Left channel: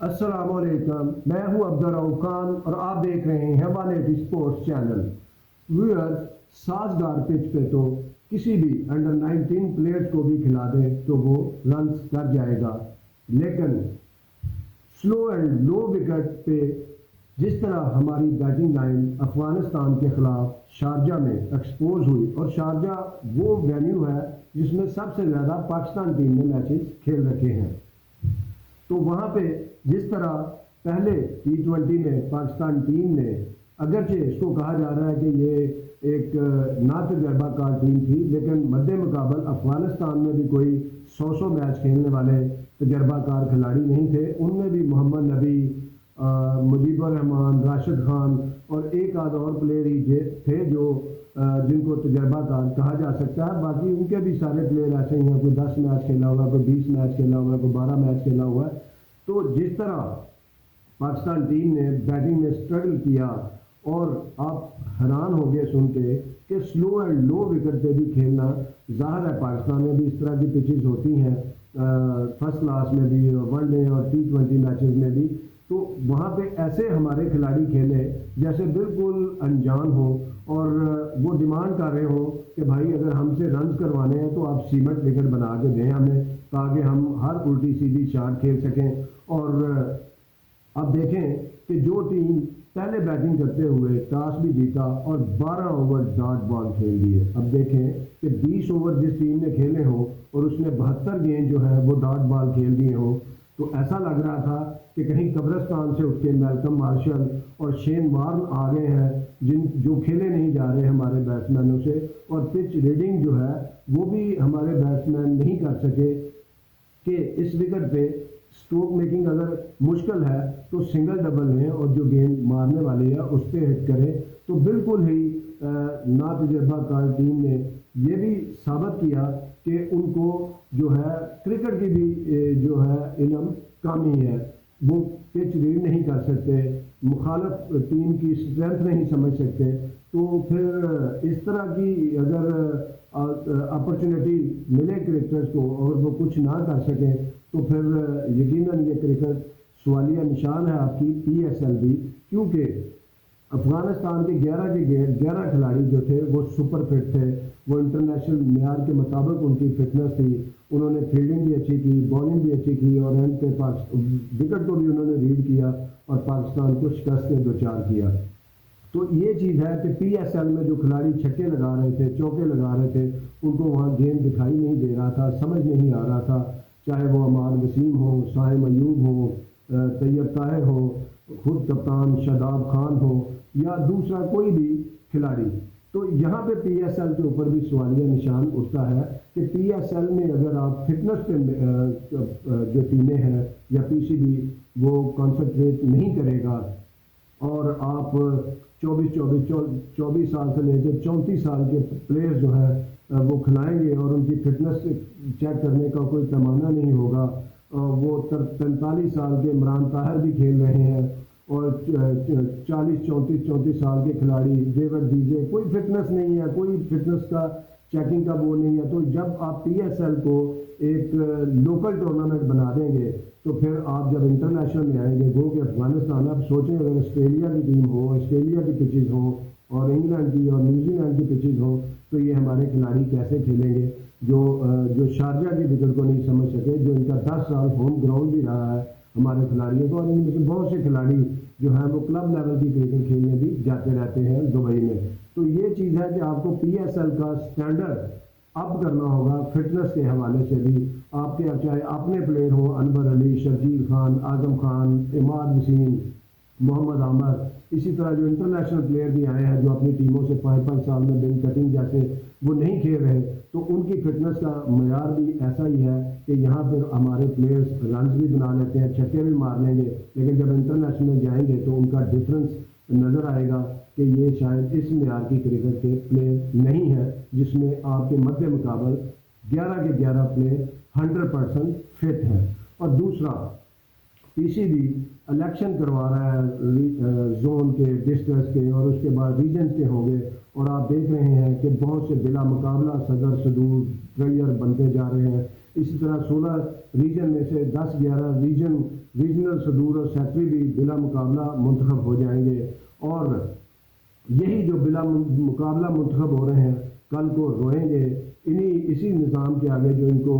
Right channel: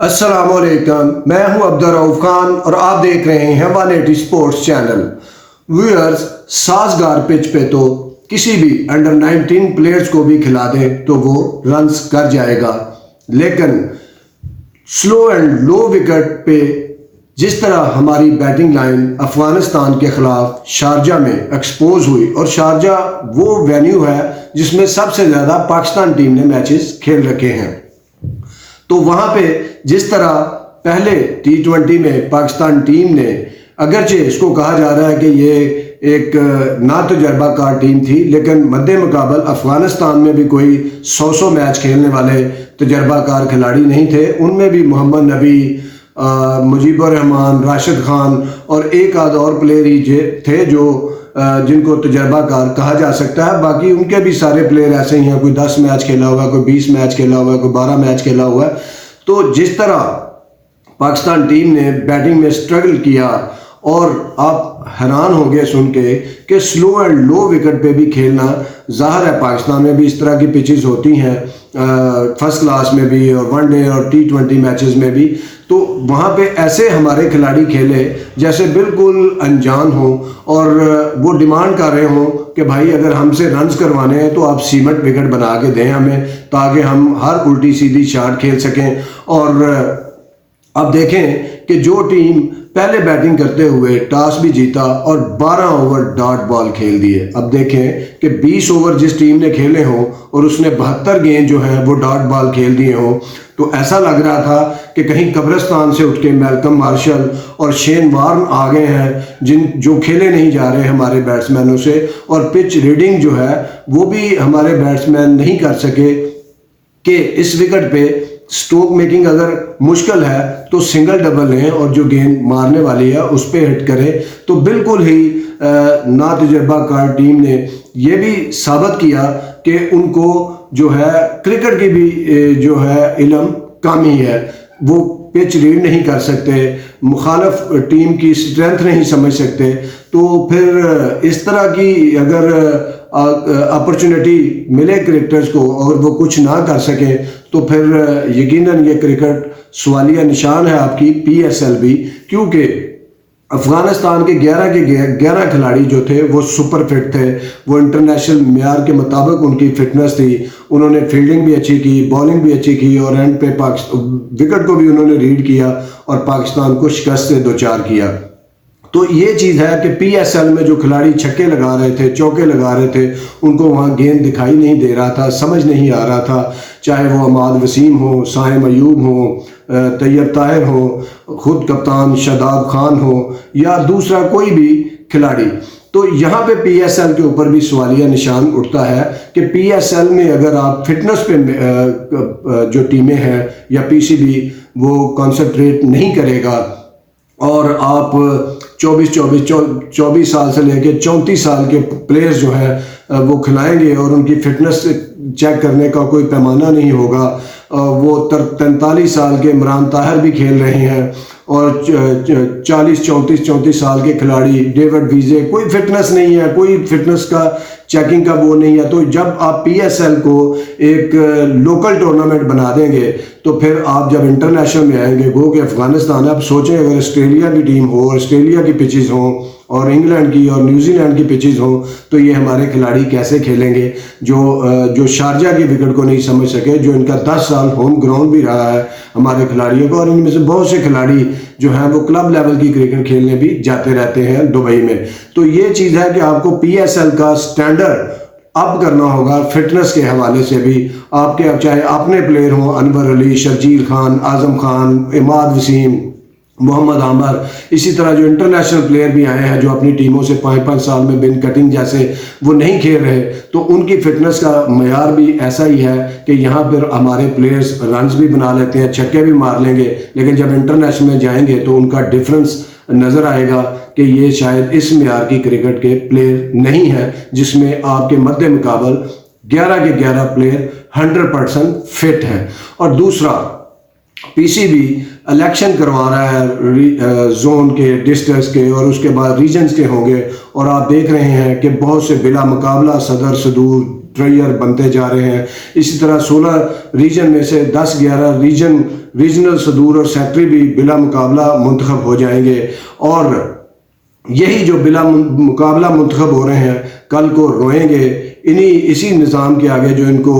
السلام علیکم، میں ہوں عبدالرؤف خان اور آپ دیکھ رہے ہیں 180 سپورٹس چینل۔ ویورز، سازگار پچ پہ تو کسی بھی انڈر 19 پلیئرز کو بھی کھلا دیں تو وہ رنز کر جائے گا، لیکن سلو اینڈ لو وکٹ پہ جس طرح ہماری بیٹنگ لائن افغانستان کے خلاف شارجہ میں ایکسپوز ہوئی، اور شارجہ وہ وینیو ہے جس میں سب سے زیادہ پاکستان ٹیم نے میچز کھیل رکھے ہیں، تو وہاں پہ جس طرح پہلے T20 میں پاکستان ٹیم نے، اگرچہ اس کو کہا جا رہا ہے کہ یہ ایک نا تجربہ کار ٹیم تھی، لیکن مد مقابل افغانستان میں بھی کوئی 100 میچ کھیلنے والے تجربہ کار کھلاڑی نہیں تھے۔ ان میں بھی محمد نبی، مجیب الرحمان، راشد خان اور ایک آدھ اور پلیئر ہی تھے جو جن کو تجربہ کار کہا جا سکتا ہے۔ باقی ان کے بھی سارے پلیئر ایسے ہی ہیں، کوئی 10 میچ کھیلا ہوا ہے، کوئی 20 میچ کھیلا ہوا ہے، کوئی 12 میچ کھیلا ہوا ہے۔ تو جس طرح پاکستان ٹیم نے بیٹنگ میں سٹرگل کیا، اور آپ حیران ہوں گے سن کے کہ سلو اینڈ لو وکٹ پہ بھی کھیلنا، ظاہر ہے پاکستان میں بھی اس طرح کی پچز ہوتی ہیں، فرسٹ کلاس میں بھی اور ون ڈے اور T20 میچز میں بھی، تو وہاں پہ ایسے ہمارے کھلاڑی کھیلے جیسے بالکل انجان ہوں، اور وہ ڈیمانڈ کر رہے ہوں کہ بھائی اگر ہم سے رنز کروانے ہیں تو آپ سیمنٹ وکٹ بنا کے دیں ہمیں، تاکہ ہم ہر الٹی سیدھی شاٹ کھیل سکیں۔ اور اب دیکھیں کہ جو ٹیم پہلے بیٹنگ کرتے ہوئے ٹاس بھی جیتا اور 12 اوور ڈاٹ بال کھیل دیے، اب دیکھیں کہ 20 اوور جس ٹیم نے کھیلے ہوں اور اس نے 72 گیند جو ہیں وہ ڈاٹ بال کھیل دیے ہوں، تو ایسا لگ رہا تھا کہ کہیں قبرستان سے اٹھ کے میلکم مارشل اور شین وارن آ گئے ہیں، جو کھیلے نہیں جا رہے ہمارے بیٹسمینوں سے، اور پچ ریڈنگ جو ہے وہ بھی ہمارے بیٹسمین نہیں کر سکے کہ اس وکٹ پہ سٹروک میکنگ اگر مشکل ہے تو سنگل ڈبل لیں اور جو گیند مارنے والی ہے اس پہ ہٹ کرے۔ تو بالکل ہی نا تجربہ کار ٹیم نے یہ بھی ثابت کیا کہ ان کو جو ہے کرکٹ کی بھی جو ہے علم کم ہی ہے، وہ پچ ریڈ نہیں کر سکتے، مخالف ٹیم کی سٹرینتھ نہیں سمجھ سکتے۔ تو پھر اس طرح کی اگر اپرچونٹی ملے کرکٹرز کو اور وہ کچھ نہ کر سکیں تو پھر یقیناً یہ کرکٹ سوالیہ نشان ہے آپ کی PSL بھی، کیونکہ افغانستان کے 11 کھلاڑی جو تھے وہ سپر فٹ تھے، وہ انٹرنیشنل معیار کے مطابق ان کی فٹنس تھی، انہوں نے فیلڈنگ بھی اچھی کی، بالنگ بھی اچھی کی، اور اینڈ پہ وکٹ کو بھی انہوں نے ریڈ کیا اور پاکستان کو شکست سے دوچار کیا۔ تو یہ چیز ہے کہ PSL میں جو کھلاڑی چھکے لگا رہے تھے، چوکے لگا رہے تھے، ان کو وہاں گیند دکھائی نہیں دے رہا تھا، سمجھ نہیں آ رہا تھا، چاہے وہ عماد وسیم ہو، صائم ایوب ہو، طیب طاہر ہو، خود کپتان شاداب خان ہو، یا دوسرا کوئی بھی کھلاڑی۔ تو یہاں پہ PSL کے اوپر بھی سوالیہ نشان اٹھتا ہے کہ PSL میں اگر آپ فٹنس پہ جو ٹیمیں ہیں یا PCB وہ کانسنٹریٹ نہیں کرے گا، اور آپ 24 سال سے لے کے 34 سال کے پلیئرز جو ہیں وہ کھلائیں گے اور ان کی فٹنس چیک کرنے کا کوئی پیمانہ نہیں ہوگا، وہ 43 سال کے عمران طاہر بھی کھیل رہے ہیں، اور 34 سال کے کھلاڑی ڈیوڈ ویزے، کوئی فٹنس نہیں ہے، کوئی فٹنس کا چیکنگ کا وہ نہیں ہے۔ تو جب آپ PSL کو ایک لوکل ٹورنامنٹ بنا دیں گے تو پھر آپ جب انٹرنیشنل میں آئیں گے، گو کہ افغانستان ہے، اب سوچیں اگر آسٹریلیا کی ٹیم ہو، آسٹریلیا کی پچز ہوں، اور انگلینڈ کی اور نیوزی لینڈ کی پچز ہوں، تو یہ ہمارے کھلاڑی کیسے کھیلیں گے جو شارجہ کی وکٹ کو نہیں سمجھ سکے، جو ان کا 10 سال ہوم گراؤنڈ بھی رہا ہے ہمارے کھلاڑیوں کو، اور ان میں سے بہت سے کھلاڑی جو ہیں وہ کلب لیول کی کرکٹ کھیلنے بھی جاتے رہتے ہیں دبئی میں۔ تو یہ چیز ہے کہ آپ کو PSL کا سٹینڈرڈ اپ کرنا ہوگا فٹنس کے حوالے سے بھی۔ آپ کے اب چاہے اپنے پلیئر ہوں، انور علی، شرجیل خان، اعظم خان، عماد وسیم، محمد عامر، اسی طرح جو انٹرنیشنل پلیئر بھی آئے ہیں جو اپنی ٹیموں سے 5 سال میں بن کٹنگ جیسے وہ نہیں کھیل رہے، تو ان کی فٹنس کا معیار بھی ایسا ہی ہے کہ یہاں پر ہمارے پلیئرز رنز بھی بنا لیتے ہیں، چھکے بھی مار لیں گے، لیکن جب انٹرنیشنل میں جائیں گے تو ان کا ڈفرنس نظر آئے گا کہ یہ شاید اس معیار کی کرکٹ کے پلیئر نہیں ہیں جس میں آپ کے مد مقابل 11 کے 11 پلیئر 100% فٹ ہیں۔ اور دوسرا PCB الیکشن کروا رہا ہے زون کے، ڈسٹرکٹس کے، اور اس کے بعد ریجنز کے ہوں گے، اور آپ دیکھ رہے ہیں کہ بہت سے بلا مقابلہ صدر صدور ٹریئر بنتے جا رہے ہیں. اسی طرح 16 ریجن میں سے 10-11 ریجنل صدور اور سیکٹری بھی بلا مقابلہ منتخب ہو جائیں گے. اور یہی جو بلا مقابلہ منتخب ہو رہے ہیں کل کو روئیں گے اسی نظام کے آگے جو ان کو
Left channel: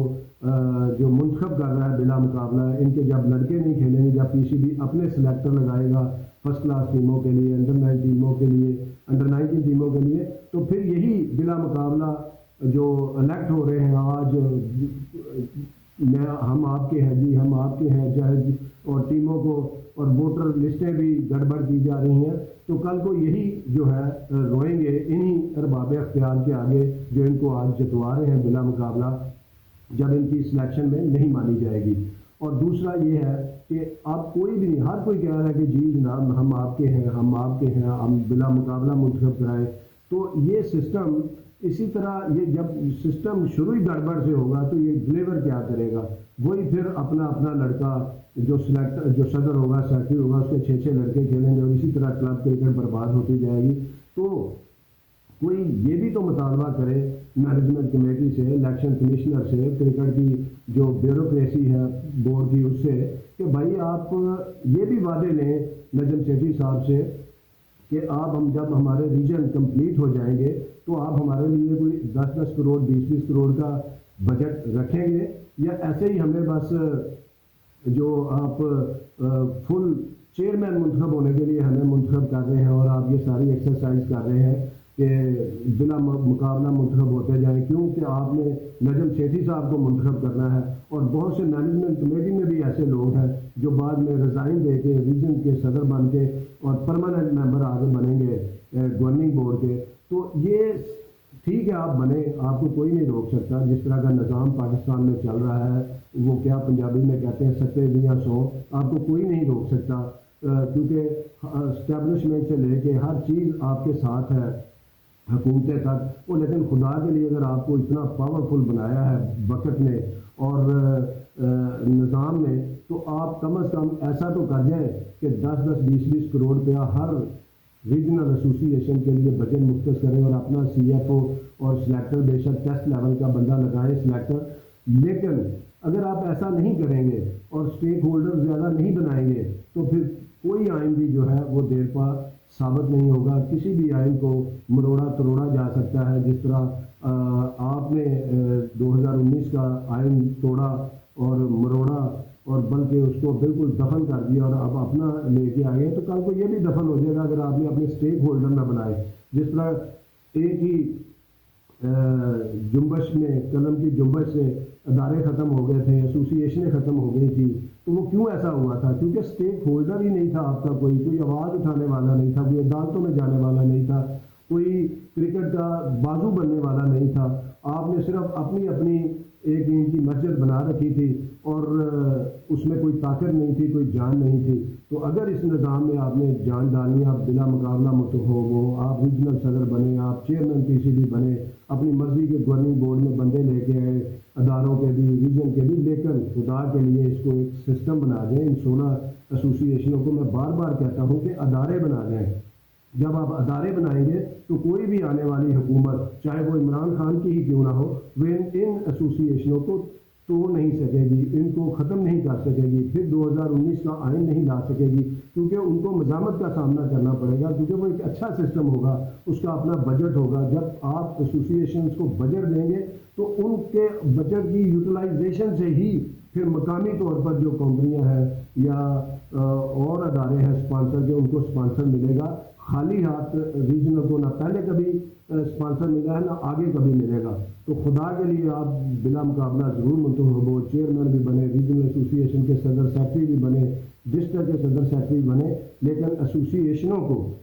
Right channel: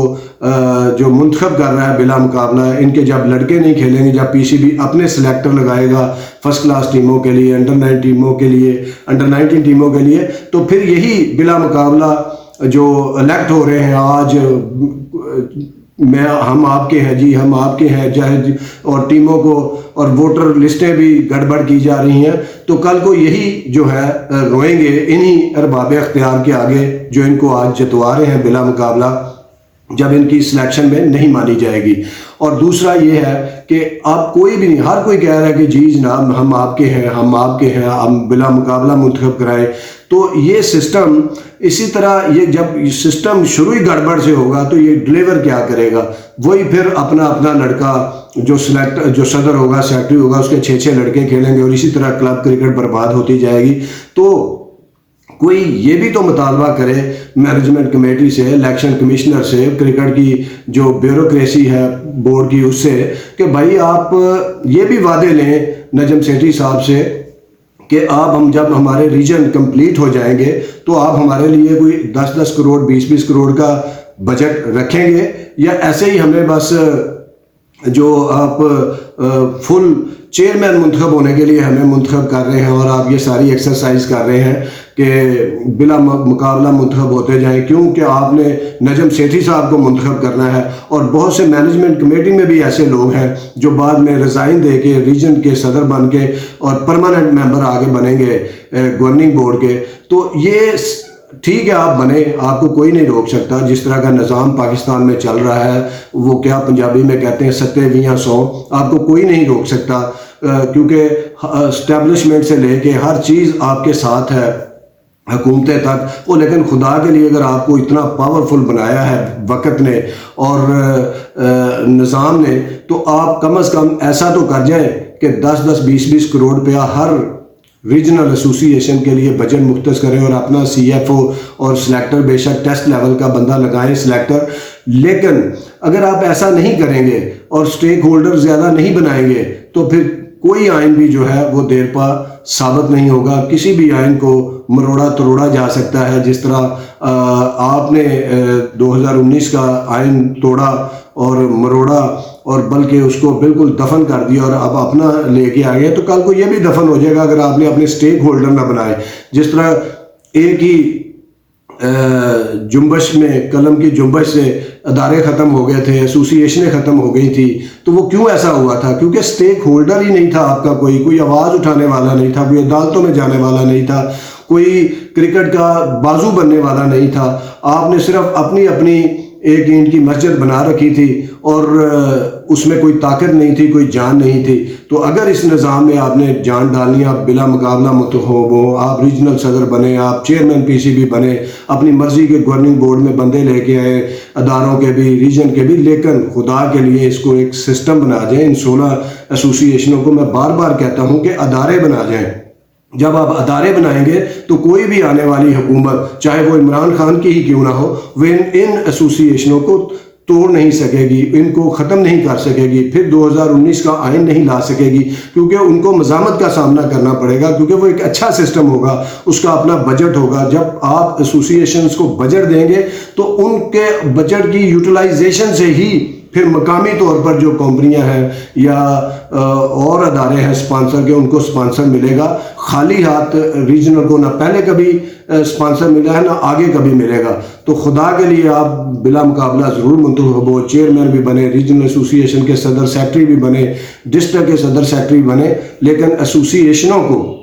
جو منتخب کر رہا ہے بلا مقابلہ. ان کے جب لڑکے نہیں کھیلیں گے, جب پی سی بی اپنے سلیکٹر لگائے گا فرسٹ کلاس ٹیموں کے لیے, انڈر 19 ٹیموں کے لیے, تو پھر یہی بلا مقابلہ جو الیکٹ ہو رہے ہیں آج, ہم آپ کے ہیں جی, ہم آپ کے ہیں, اور ٹیموں کو اور ووٹر لسٹیں بھی گڑبڑ کی جا رہی ہیں, تو کل کو یہی جو ہے روئیں گے انہی ارباب اختیار کے آگے جو ان کو آج جتوا رہے ہیں بلا مقابلہ, جب ان کی سلیکشن میں نہیں مانی جائے گی. اور دوسرا یہ ہے کہ آپ کوئی بھی نہیں, ہر کوئی کہہ رہا ہے کہ جی جناب ہم آپ کے ہیں, ہم آپ کے ہیں, ہم بلا مقابلہ منتخب کرائیں. تو یہ سسٹم اسی طرح یہ جب سسٹم شروع ہی گڑبڑ سے ہوگا تو یہ ڈلیور کیا کرے گا؟ وہی پھر اپنا لڑکا جو صدر ہوگا, سیکٹری ہوگا, اس کے 6 لڑکے کھیلیں گے اور اسی طرح کلب کرکٹ برباد ہوتی جائے گی. تو کوئی یہ بھی تو مطالبہ کرے مینجمنٹ کمیٹی سے, الیکشن کمشنر سے, کرکٹ کی جو بیوروکریسی ہے بورڈ کی اس سے, کہ بھائی آپ یہ بھی وعدے لیں نجم سیٹھی صاحب سے کہ آپ جب ہمارے ریجن کمپلیٹ ہو جائیں گے تو آپ ہمارے لیے کوئی 10 کروڑ 20 کروڑ کا بجٹ رکھیں گے, یا ایسے ہی ہمیں بس جو آپ فل چیئرمین منتخب ہونے کے لیے ہمیں منتخب کر رہے ہیں اور آپ یہ ساری ایکسرسائز کر رہے ہیں کہ بلا مقابلہ منتخب ہوتے جائیں, کیونکہ آپ نے نجم سیٹھی صاحب کو منتخب کرنا ہے. اور بہت سے مینجمنٹ کمیٹی میں بھی ایسے لوگ ہیں جو بعد میں ریزائن دے کے ریجن کے صدر بن کے اور پرماننٹ ممبر آگے بنیں گے گورننگ بورڈ کے. تو یہ ٹھیک ہے, آپ بنے, آپ کو کوئی نہیں روک سکتا. جس طرح کا نظام پاکستان میں چل رہا ہے, وہ کیا پنجابی میں کہتے ہیں ستے ویاں سو, آپ کو کوئی نہیں روک سکتا, کیونکہ اسٹیبلشمنٹ سے لے کے ہر چیز آپ کے ساتھ ہے, حکومتیں تک. وہ لیکن خدا کے لیے اگر آپ کو اتنا پاورفل بنایا ہے وقت نے اور نظام نے, تو آپ کم از کم ایسا تو کر جائیں کہ 10-20 کروڑ روپیہ ہر ریجنل ایسوسی ایشن کے لیے بجٹ مختص کریں اور اپنا سی ایف او اور سلیکٹر بے شک ٹیسٹ لیول کا بندہ لگائیں سلیکٹر. لیکن اگر آپ ایسا نہیں کریں گے اور سٹیک ہولڈر زیادہ نہیں بنائیں گے تو پھر کوئی آئین بھی جو ہے وہ دیر پا ثابت نہیں ہوگا. کسی بھی آئین کو مروڑا تروڑا جا سکتا ہے, جس طرح آپ نے 2019 کا آئین توڑا اور مروڑا اور بلکہ اس کو بالکل دفن کر دیا اور اب اپنا لے کے آ گئے, تو کل کو یہ بھی دفن ہو جائے گا اگر آپ نے اپنے سٹیک ہولڈر نہ بنائے. جس طرح ایک ہی جنبش میں, قلم کی جنبش سے ادارے ختم ہو گئے تھے, ایسوسی ایشنیں ختم ہو گئی تھی. تو وہ کیوں ایسا ہوا تھا؟ کیونکہ سٹیک ہولڈر ہی نہیں تھا آپ کا, کوئی آواز اٹھانے والا نہیں تھا, کوئی عدالتوں میں جانے والا نہیں تھا, کوئی کرکٹ کا بازو بننے والا نہیں تھا. آپ نے صرف اپنی ایک اینٹ کی مسجد بنا رکھی تھی اور اس میں کوئی طاقت نہیں تھی, کوئی جان نہیں تھی. تو اگر اس نظام میں آپ نے جان ڈالنی, آپ بلا مقابلہ منتخب ہو, آپ ریجنل صدر بنے, آپ چیئرمین پی سی بی بنے, اپنی مرضی کے گورننگ بورڈ میں بندے لے کے آئے, اداروں کے بھی ریجن کے بھی, لیکن خدا کے لیے اس کو ایک سسٹم بنا جائیں. ان 16 ایسوسی ایشنوں کو میں بار بار کہتا ہوں کہ ادارے بنا جائیں. جب آپ ادارے بنائیں گے تو کوئی بھی آنے والی حکومت, چاہے وہ عمران خان کی ہی کیوں نہ ہو, وہ ان ایسوسی ایشنوں کو توڑ نہیں سکے گی, ان کو ختم نہیں کر سکے گی, پھر 2019 کا آئین نہیں لا سکے گی, کیونکہ ان کو مزاحمت کا سامنا کرنا پڑے گا, کیونکہ وہ ایک اچھا سسٹم ہوگا, اس کا اپنا بجٹ ہوگا. جب آپ ایسوسی ایشنز کو بجٹ دیں گے تو ان کے بجٹ کی یوٹیلائزیشن سے ہی پھر مقامی طور پر جو کمپنیاں ہیں یا اور ادارے ہیں اسپانسر کے, ان کو اسپانسر ملے گا. خالی ہاتھ ریجنل کو نہ پہلے کبھی اسپانسر ملا ہے نہ آگے کبھی ملے گا. تو خدا کے لیے آپ بلا مقابلہ ضرور منتخب ہو, چیئرمین بھی بنے, ریجنل ایسوسی ایشن کے صدر سیکٹری بھی بنے, ڈسٹرکٹ کے صدر سیکٹری بنے, لیکن ایسوسی ایشنوں کو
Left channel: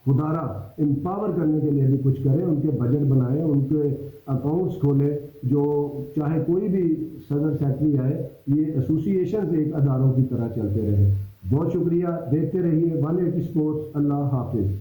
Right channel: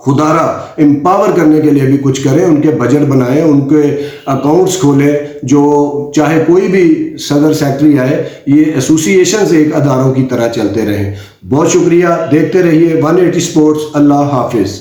خدارہ امپاور کرنے کے لیے بھی کچھ کریں, ان کے بجٹ بنائیں, ان کے اکاؤنٹس کھولیں. جو چاہے کوئی بھی صدر سیکٹری آئے, یہ ایسوسی ایشنز ایک اداروں کی طرح چلتے رہیں. بہت شکریہ, دیکھتے رہیے 180 اسپورٹس. اللہ حافظ.